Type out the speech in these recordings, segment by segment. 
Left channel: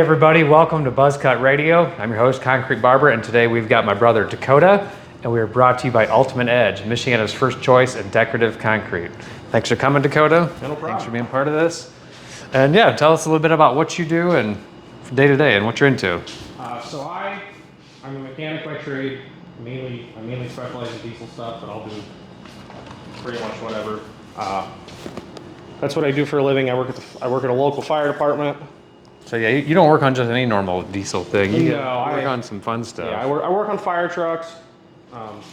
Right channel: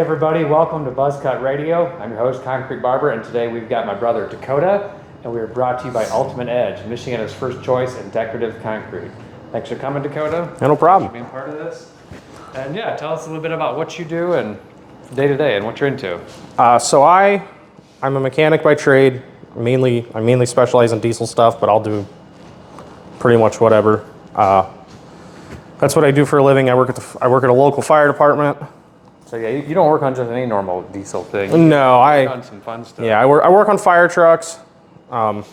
Everybody, welcome to Buzzkut Radio. I'm your host, Concrete Barber, and today we've got my brother Dakota, and we are brought to you by Ultimate Edge, Michiana's first choice in decorative concrete. Thanks for coming, Dakota. No problem. Thanks for being part of this. And yeah, tell us a little bit about what you do and day to day and what you're into. I'm a mechanic by trade. I mainly specialize in diesel stuff, but I'll do pretty much whatever. That's what I do for a living. I work at a local fire department. So yeah, you don't work on just any normal diesel thing. No, I work on some fun stuff. Yeah, I work on fire trucks. I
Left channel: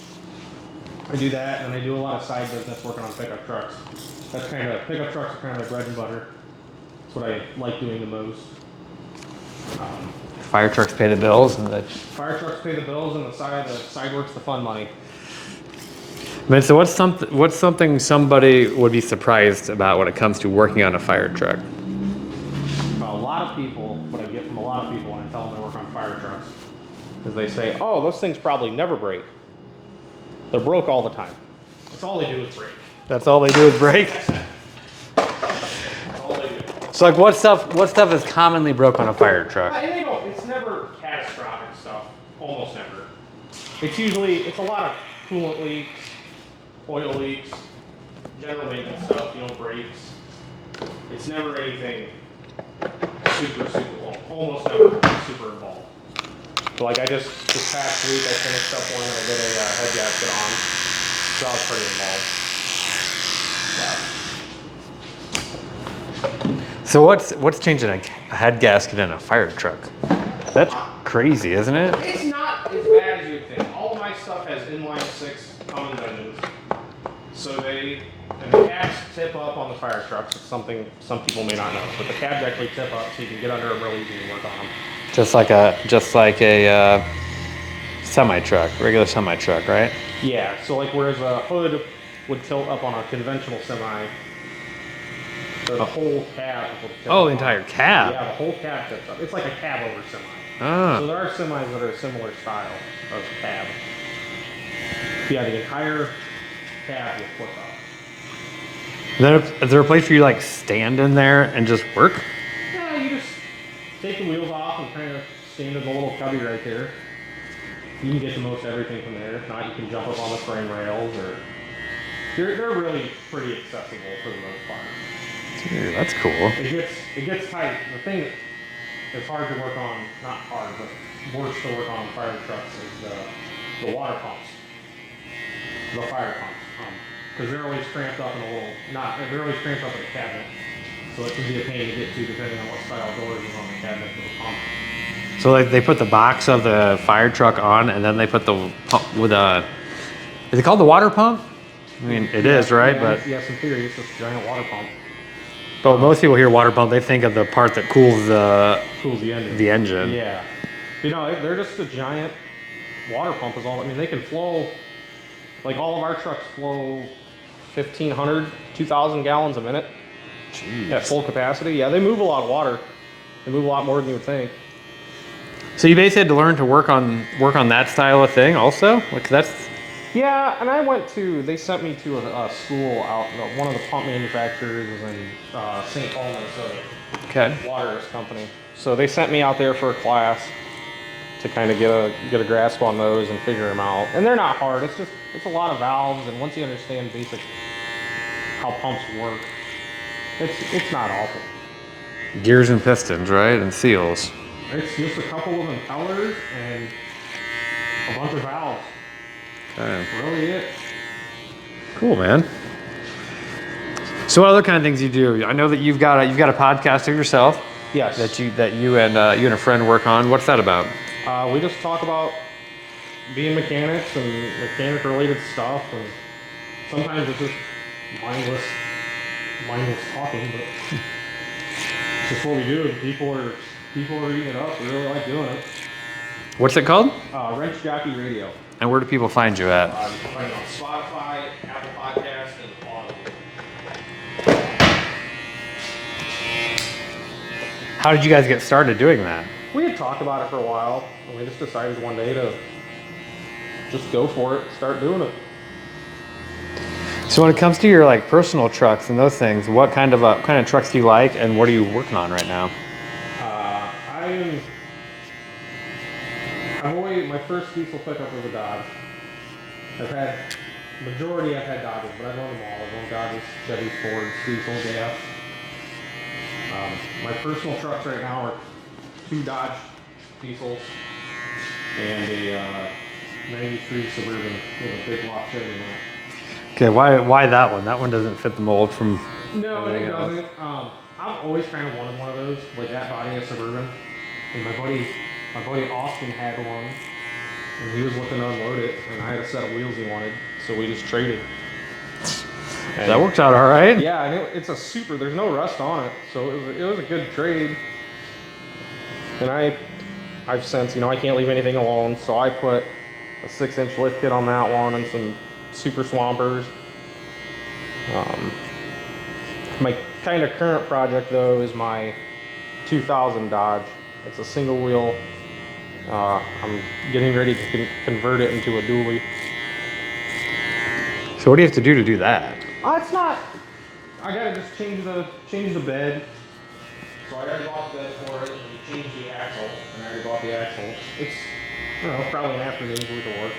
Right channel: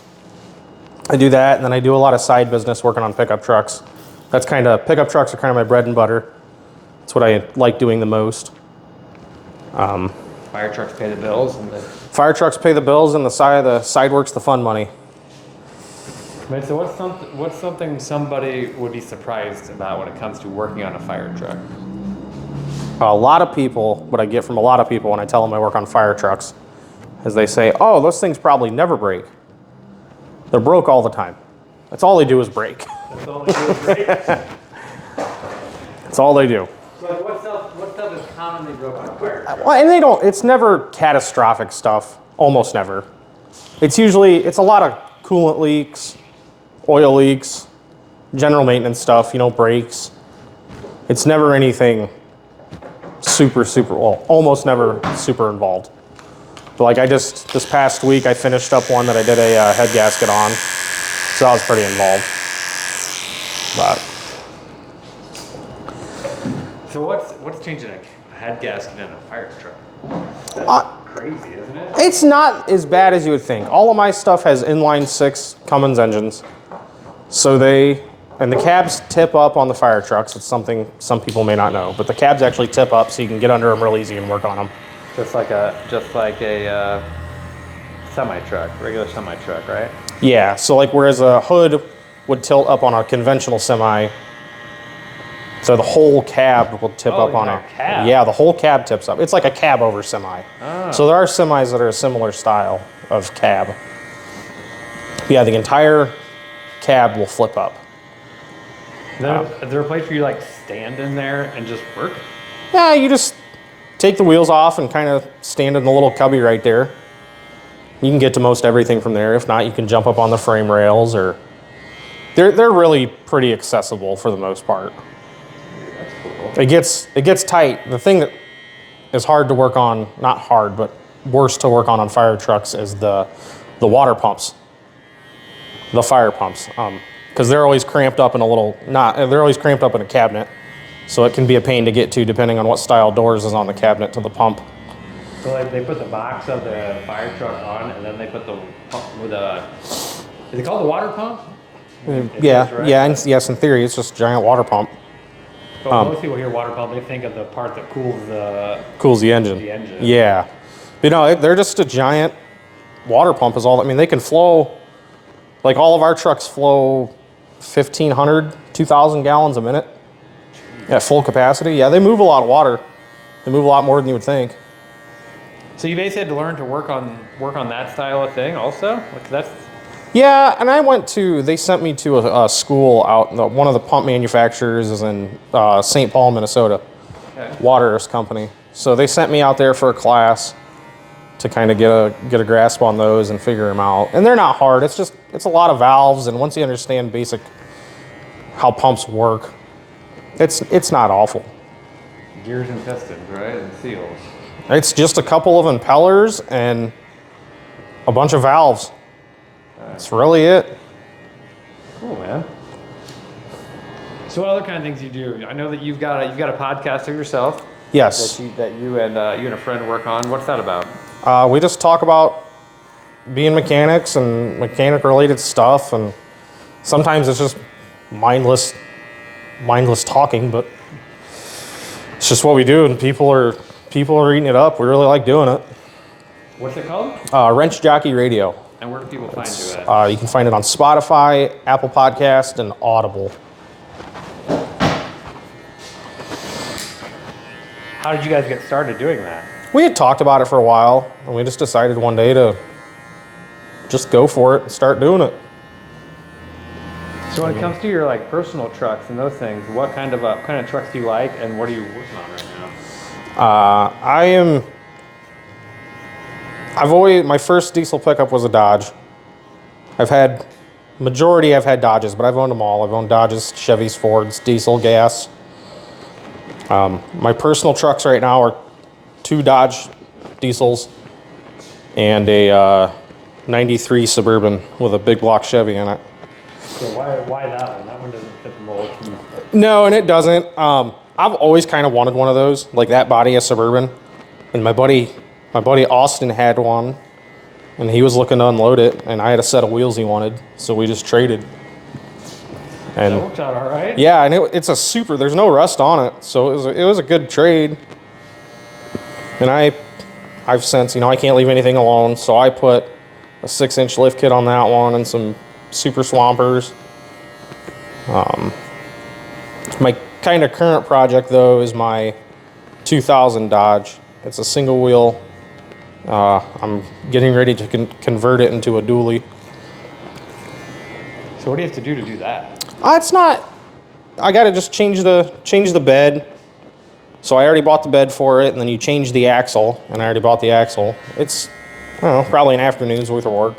do that, and then I do a lot of side business working on pickup trucks. Pickup trucks are kind of my bread and butter. That's what I like doing the most. Fire trucks pay the bills. Fire trucks pay the bills, and the side work's the fun money. Man, so what's something somebody would be surprised about when it comes to working on a fire truck? What I get from a lot of people when I tell them I work on fire trucks is they say, oh, those things probably never break. They're broke all the time. That's all they do is break. That's all they do is break? That's all they do. So like what stuff is commonly broke on a fire truck? Well, it's never catastrophic stuff, almost never. It's a lot of coolant leaks, oil leaks, general maintenance stuff, brakes. It's never anything almost never super involved. But like this past week, I finished up one that I did a head gasket on, so I was pretty involved. So what's changing a head gasket in a fire truck? That's crazy, isn't it? It's not as bad as you would think. All of my stuff has inline 6 Cummins engines, and the cabs tip up on the fire trucks. It's something some people may not know, but the cabs actually tip up so you can get under them real easy and work on them. Just like a semi-truck, regular semi-truck, right? Yeah, so like whereas a hood would tilt up on a conventional semi, so the whole cab will tip up on it. Cab? Yeah, the whole cab tips up. It's like a cab over semi. Ah. So there are semis that are a similar style of cab. Yeah, the entire cab will flip up. Is there a place where you like stand in there and just work? Yeah, you just take the wheels off and kind of stand in the little cubby right there. You can get to most everything from there. If not, you can jump up on the frame rails, or they're really pretty accessible for the most part. Dude, that's cool. It gets tight. The thing that is hard to work on, not hard, but worse to work on fire trucks is the water pumps, the fire pumps. Because they're always cramped up in they're always cramped up in a cabinet, so it can be a pain to get to depending on what style doors is on the cabinet to the pump. So like they put the box of the fire truck on, and then they put the pump with is it called the water pump? I mean, it is, right? Yeah, yes, in theory, it's just a giant water pump. But when most people hear water pump, they think of the part that cools the engine. The engine. Yeah. They're just a giant water pump is all. I mean, they can flow, like all of our trucks flow 1,500, 2,000 gallons a minute. Jeez. At full capacity. Yeah, they move a lot of water. They move a lot more than you would think. So you basically had to learn to work on that style of thing also? Like that's... Yeah, and they sent me to a school out, one of the pump manufacturers is in St. Paul, Minnesota. Okay. Water's company. So they sent me out there for a class to kind of get a grasp on those and figure them out. And they're not hard. It's a lot of valves, and once you understand basic how pumps work, it's not awful. Gears and pistons, right? And seals. It's just a couple of impellers and a bunch of valves. That's really it. Cool, man. So what other kind of things you do? I know that you've got a podcast of yourself. Yes. That you and a friend work on. What's that about? We just talk about being mechanics and mechanic-related stuff, and sometimes it's just mindless talking, but it's just what we do, and people are eating it up. We really like doing it. What's it called? Wrench Jockey Radio. And where do people find you at? You can find it on Spotify, Apple Podcast, and Audible. How did you guys get started doing that? We had talked about it for a while, and we just decided one day to just go for it and start doing it. So when it comes to your like personal trucks and those things, what kind of trucks do you like, and what are you working on right now? My first diesel pickup was a Dodge. I've had Dodges, but I've owned them all. I've owned Dodges, Chevys, Fords, diesel, gas. My personal trucks right now are 2 Dodge diesels and a 93 Suburban with a big block Chevy in it. Okay, why that one? That one doesn't fit the mold from... No, and it doesn't. I've always kind of wanted one of those, like that body of Suburban. And my buddy Austin had one, and he was looking to unload it, and I had a set of wheels he wanted, so we just traded. And that worked out all right. yeah, and it's there's no rust on it, so it was a good trade. And I've since, I can't leave anything alone, so I put a 6-inch lift kit on that one and some super swampers. My kind of current project though is my 2000 Dodge. It's a single wheel. I'm getting ready to convert it into a dually. So what do you have to do that? It's not. I gotta just change the bed. So I already bought the bed for it, and then you change the axle, and I already bought the axle. It's, I don't know, probably an afternoon's worth of work.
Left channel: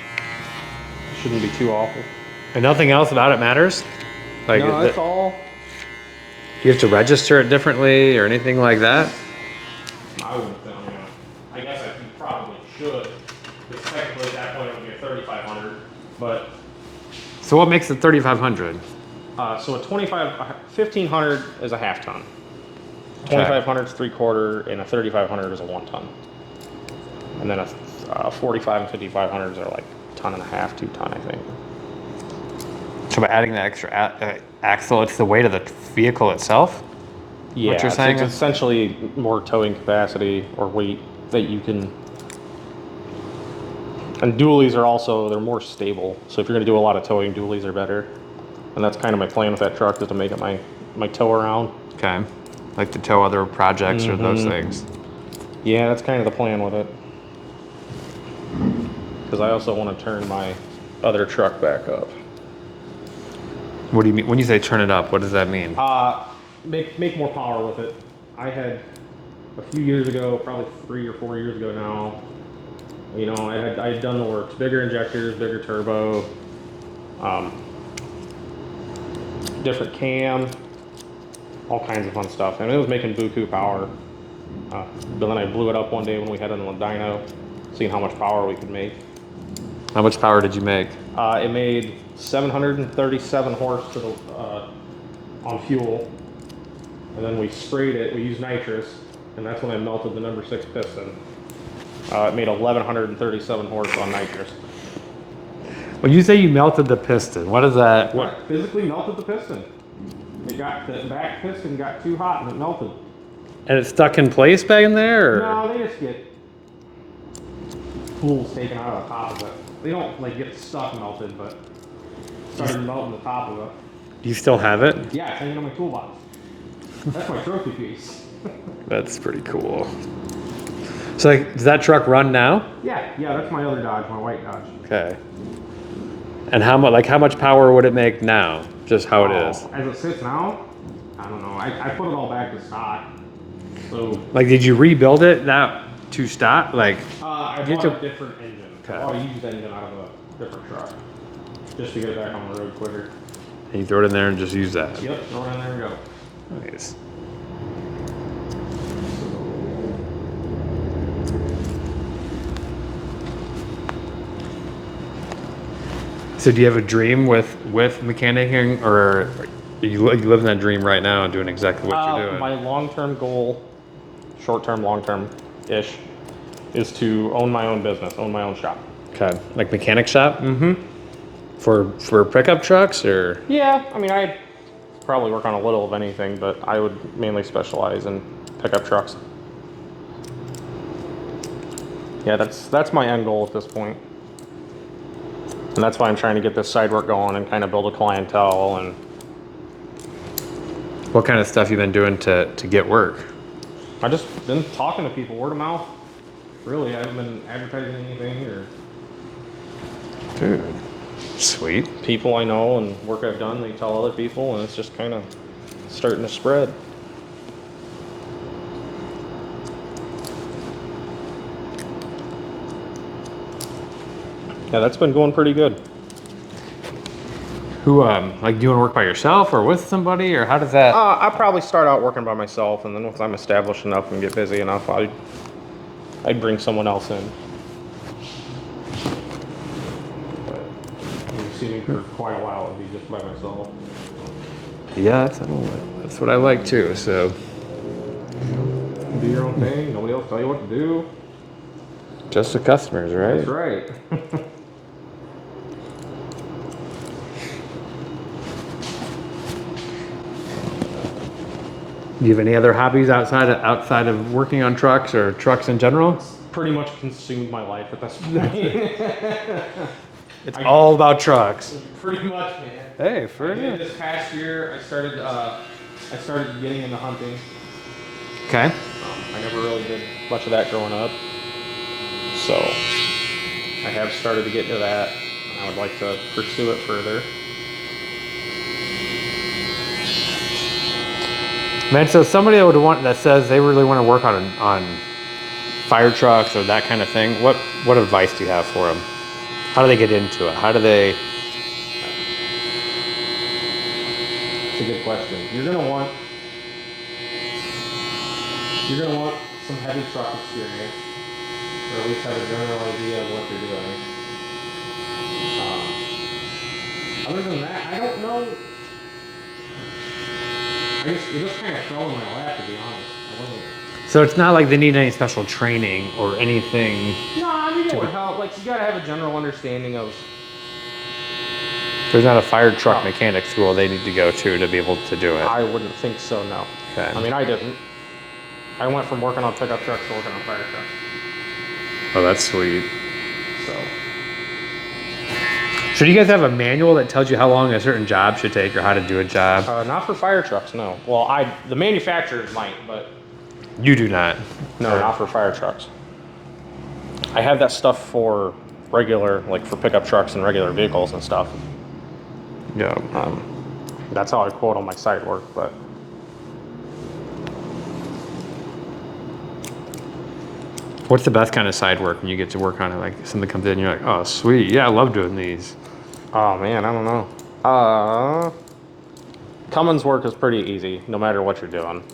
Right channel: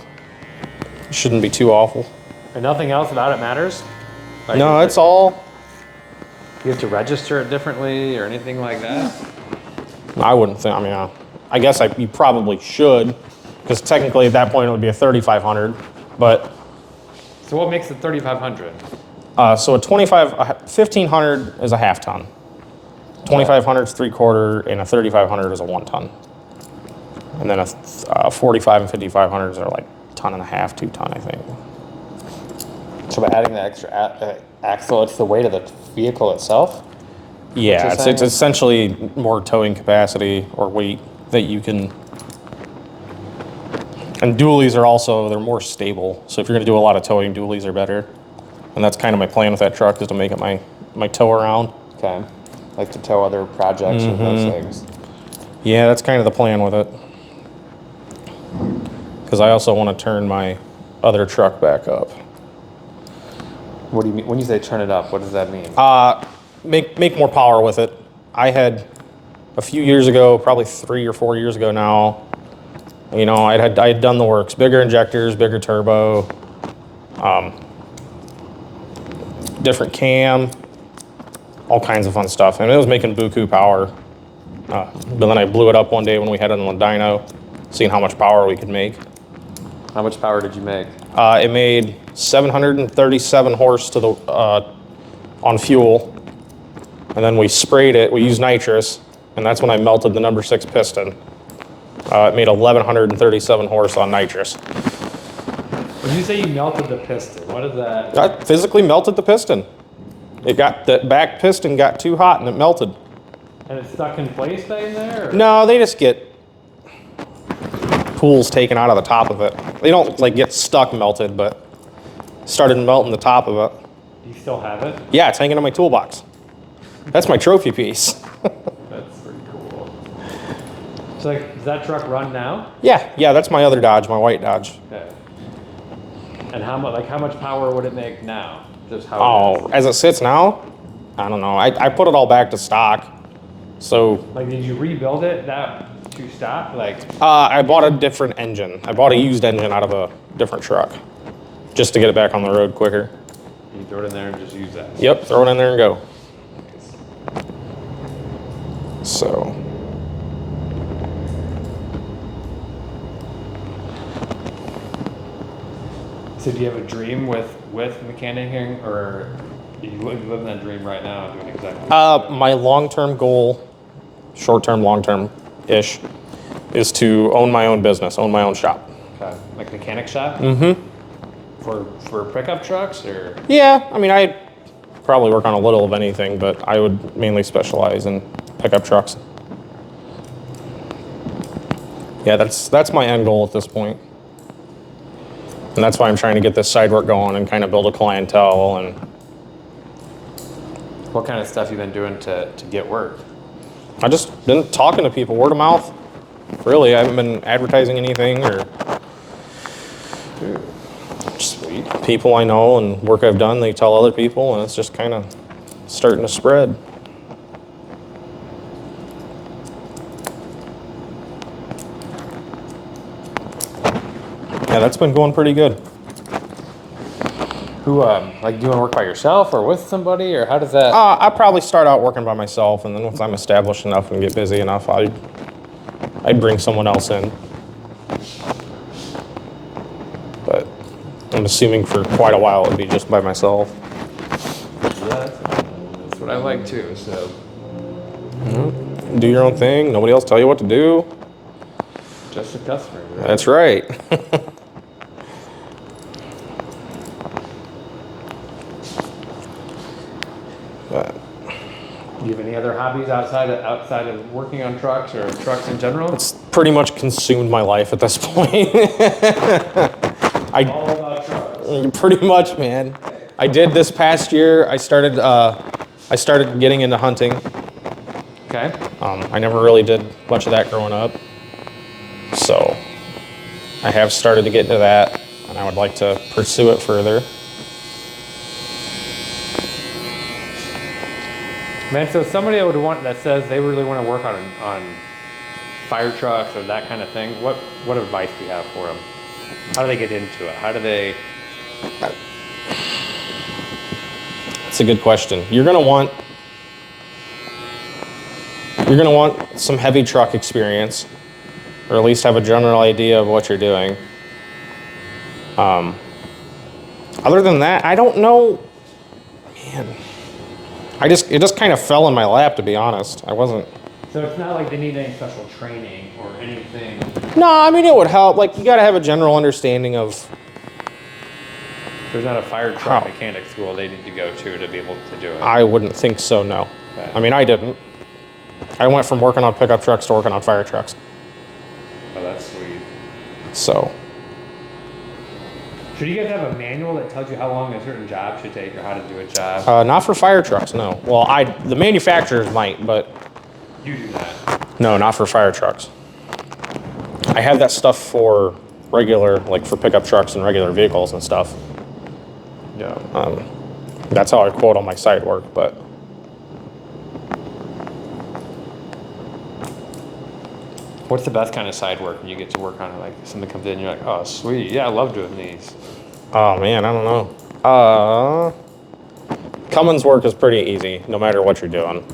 It shouldn't be too awful. And nothing else about it matters? Like, no, it's all. Do you have to register it differently or anything like that? I wouldn't think. I guess you probably should, because technically at that point it would be a 3500. But so what makes it 3500? So a 1500 is a half ton. 2500 is 3/4, and a 3500 is a 1 ton. And then a 45 and 5500s are like 1.5 tons, 2 ton, I think. So by adding the extra axle, it's the weight of the vehicle itself? Yeah, it's essentially more towing capacity or weight that you can. And dualies are also, they're more stable. So if you're going to do a lot of towing, dualies are better. And that's kind of my plan with that truck, is to make it my tow around. Okay. Like to tow other projects or those things. Yeah, that's kind of the plan with it. Because I also want to turn my other truck back up. What do you mean? When you say turn it up, what does that mean? Make more power with it. I had a few years ago, probably 3 or 4 years ago now, I had done the works. Bigger injectors, bigger turbo, different cam, all kinds of fun stuff. And it was making buku power. But then I blew it up one day when we had it on the dyno, seeing how much power we could make. How much power did you make? It made 737 horse to the on fuel, and then we sprayed it. We used nitrous, and that's when I melted the number 6 piston. It made 1137 horse on nitrous. When you say you melted the piston, what is that? I physically melted the piston. The back piston got too hot and it melted. And it's stuck in place back in there? Or? No, they just get pools taken out of the top of it. They don't get stuck melted, but started melting the top of it. Do you still have it? Yeah, it's hanging in my toolbox. That's my trophy piece. That's pretty cool. So does that truck run now? Yeah, that's my other Dodge, my white Dodge. Okay. And how much power would it make now? Just how it is? As it sits now, I don't know. I put it all back to stock. So did you rebuild it to stock? I bought a different engine. I bought a used engine out of a different truck, just to get it back on the road quicker. And you throw it in there and just use that? Yep, throw it in there and go. Nice. So. So do you have a dream with mechanicing, or you live in that dream right now and doing exactly what you're doing? My long-term goal, short-term, long-term-ish, is to own my own business, own my own shop. Okay, like mechanic shop? Mm-hmm. For pickup trucks, or? Yeah, I probably work on a little of anything, but I would mainly specialize in pickup trucks. Yeah, that's my end goal at this point. And that's why I'm trying to get this side work going and kind of build a clientele. And what kind of stuff you've been doing to get work? I just been talking to people, word of mouth. Really, I haven't been advertising anything or. Dude, sweet. People I know and work I've done, they tell other people, and it's just kind of starting to spread. Yeah, that's been going pretty good. Who, like, do you want to work by yourself or with somebody, or how does that? I probably start out working by myself, and then once I'm established enough and get busy enough, I'd bring someone else in. But I'm assuming for quite a while it'd be just by myself. Yeah, that's what I like too. So, Do your own thing. Nobody else tell you what to do. just the customers, right? That's right. Do you have any other hobbies outside of working on trucks or trucks in general? It's pretty much consumed my life at this point. All about trucks. Pretty much, man. Hey, I did this past year. I started getting into hunting. Okay. I never really did much of that growing up. So I have started to get into that, and I would like to pursue it further. Man, so somebody that says they really want to work on fire trucks or that kind of thing, what advice do you have for them? How do they get into it? How do they? It's a good question. You're gonna want some heavy truck experience, or at least have a general idea of what you're doing. Other than that, I don't know. Man, it just kind of fell in my lap, to be honest. I wasn't. So it's not like they need any special training or anything. No, I mean it would help. Like you got to have a general understanding of. There's not a fire truck mechanic school they need to go to be able to do it. I wouldn't think so. No. Okay. I mean, I didn't. I went from working on pickup trucks to working on fire trucks. Oh, that's sweet. So. So do you guys have a manual that tells you how long a certain job should take or how to do a job? Not for fire trucks, no. Well, the manufacturers might, but You do not. no, not for fire trucks. I have that stuff for regular, like for pickup trucks and regular vehicles and stuff. No. That's how I quote on my site work, but What's the best kind of side work when you get to work on it? Like something comes in and you're like, oh, sweet. Yeah, I love doing these. oh man, I don't know. Cummins work is pretty easy, no matter what you're doing.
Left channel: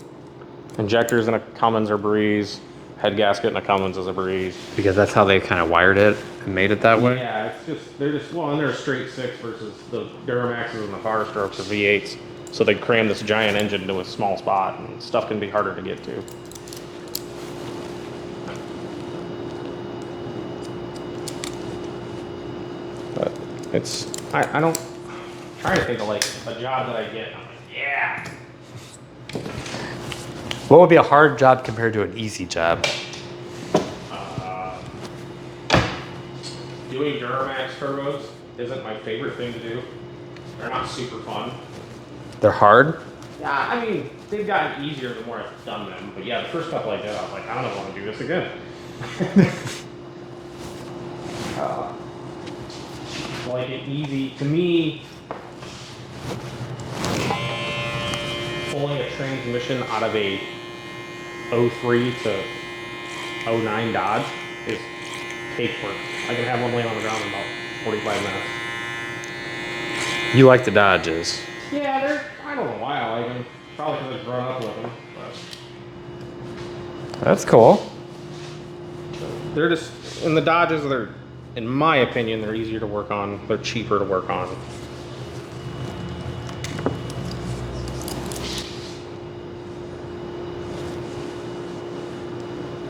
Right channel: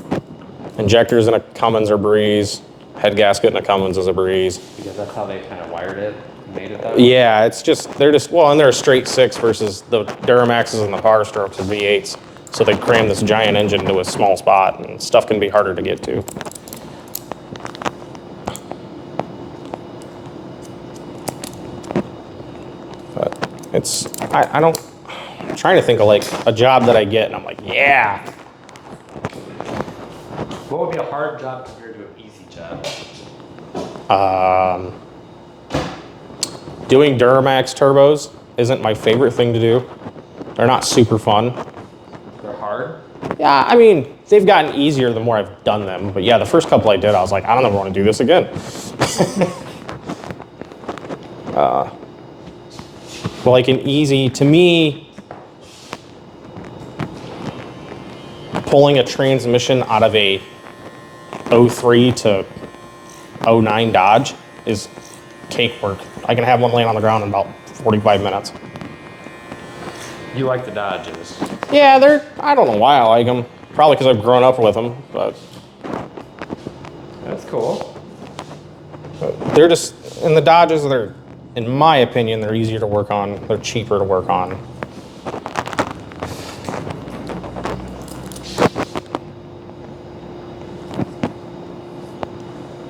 Injectors in a Cummins are breeze. Head gasket in a Cummins is a breeze. Because that's how they kind of wired it and made it that way? Yeah, and they're a straight six versus the Duramaxes and the Power Strokes are V8s. So they cram this giant engine into a small spot, and stuff can be harder to get to. But I'm trying to think of like a job that I get, and I'm like, yeah. What would be a hard job compared to an easy job? Doing Duramax turbos isn't my favorite thing to do. They're not super fun. They're hard? Yeah, I mean, they've gotten easier the more I've done them. But yeah, the first couple I did, I was like, I don't ever want to do this again. But like an easy, to me, pulling a transmission out of a 03 to 09 Dodge is cake work. I can have one laying on the ground in about 45 minutes. You like the Dodges? Yeah, I don't know why I like them. Probably because I've grown up with them, but That's cool. they're just, and the Dodges, in my opinion, they're easier to work on. They're cheaper to work on.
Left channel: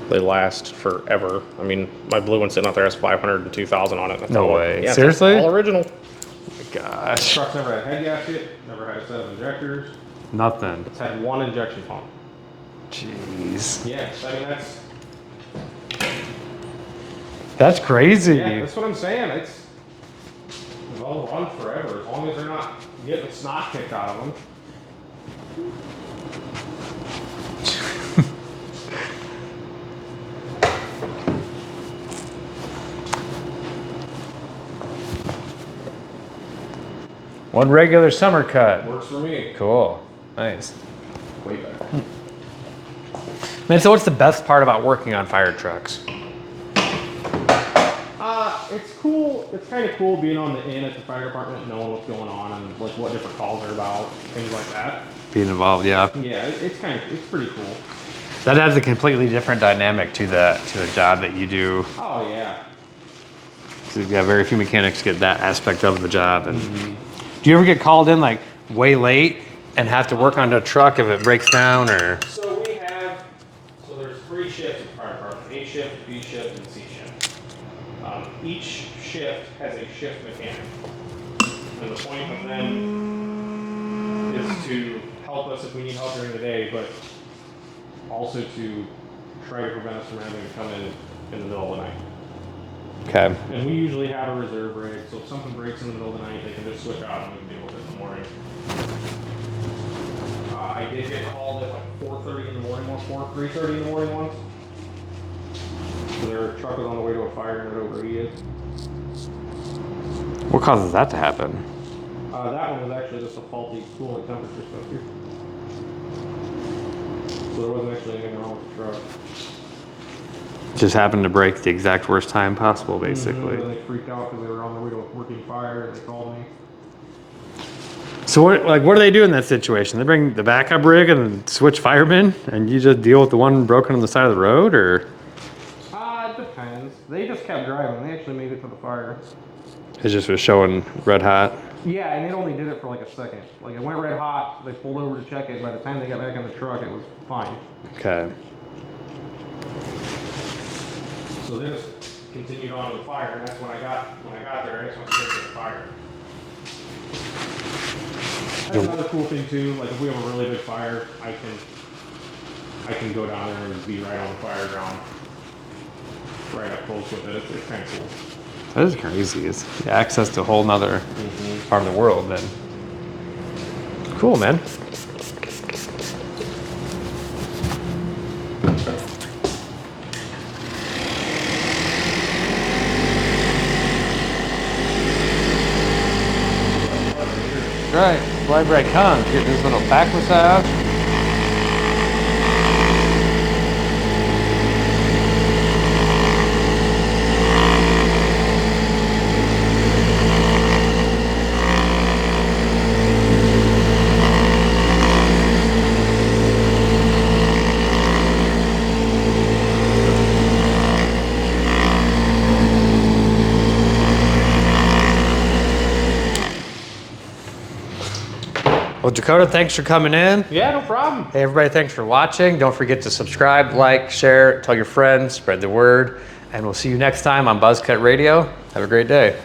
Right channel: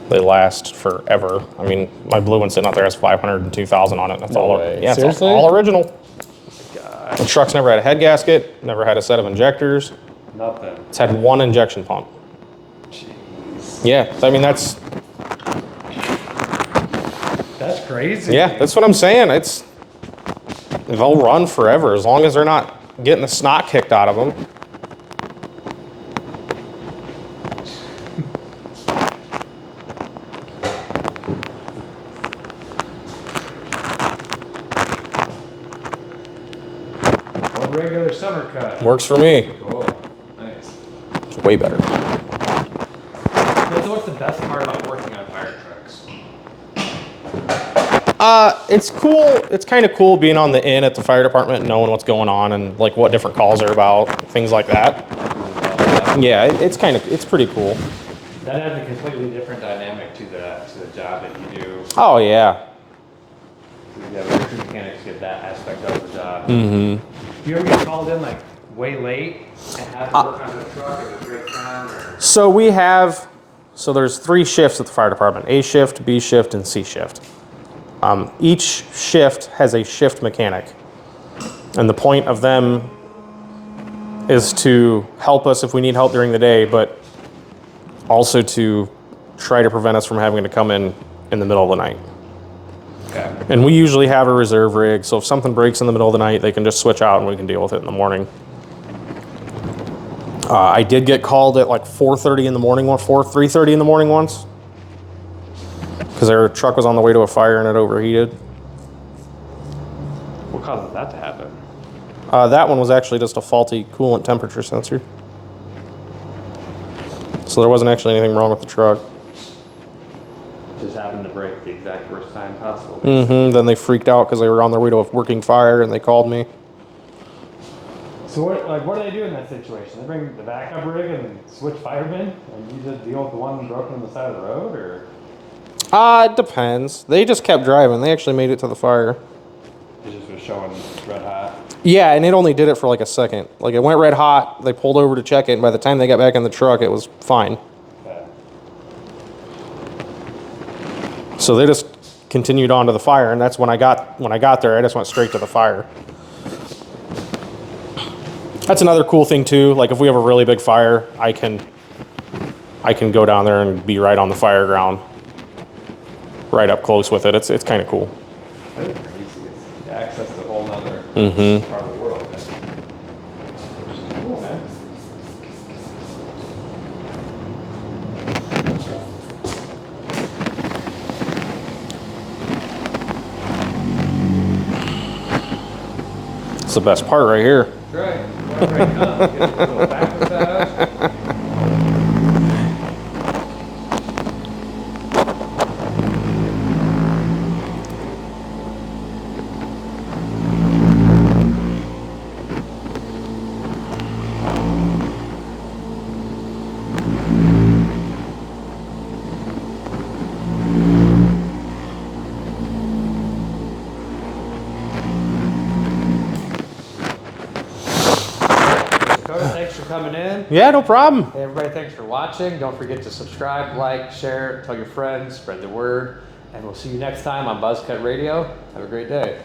They last forever. I mean, my blue one sitting out there has 502,000 on it. It's No all, way. Yeah, Seriously? It's all original. Gosh. The truck's never had a head gasket, never had a set of injectors. Nothing. It's had one injection pump. Jeez. Yeah, I mean, that's crazy. yeah, that's what I'm saying. They'll run forever as long as they're not getting the snot kicked out of them. One regular summer cut. Works for me. Cool. Nice. It's way better. And so what's the best part about working on fire trucks? It's cool. It's kind of cool being on the in at the fire department and knowing what's going on and like what different calls are about, things like that. Being involved, yeah. Yeah, it's pretty cool. That adds a completely different dynamic to the job that you do. Oh yeah. So yeah, very few mechanics get that aspect of the job. Do you ever get called in like way late and have to work on a truck if it breaks down or? So there's 3 shifts at the fire department: A shift, B shift, and C shift. Each shift has a shift mechanic, and the point of them is to help us if we need help during the day, but also to try to prevent us from having to come in the middle of the night. Okay. And we usually have a reserve rig, so if something breaks in the middle of the night, they can just switch out and we can deal with it in the morning. I did get called at like 4:30 in the morning, 3:30 in the morning once, because their truck was on the way to a fire and it overheated. What causes that to happen? That one was actually just a faulty coolant temperature sensor. So there wasn't actually anything wrong with the truck. Just happened to break the exact worst time possible, basically. Then they freaked out because they were on their way to a working fire and they called me. So what do they do in that situation? They bring the backup rig and switch firemen, and you just deal with the one broken on the side of the road, or? It depends. They just kept driving. They actually made it to the fire. It just was showing red hot. Yeah, and it only did it for like a second. Like it went red hot, they pulled over to check it, and by the time they got back in the truck, it was fine. Okay. So they just continued on to the fire, and that's when I got there, I just went straight to the fire. That's another cool thing too. Like if we have a really big fire, I can go down there and be right on the fire ground, right up close with it. It's kind of cool. That is crazy. It's access to a whole nother part of the world. Then. Cool, man. It's the best part right here. Right. Why break comes? Get this little backwards out. Well, Dakota, thanks for coming in. Yeah, no problem. Hey, everybody, thanks for watching. Don't forget to subscribe, like, share, tell your friends, spread the word, and we'll see you next time on Buzzkut Radio. Have a great day.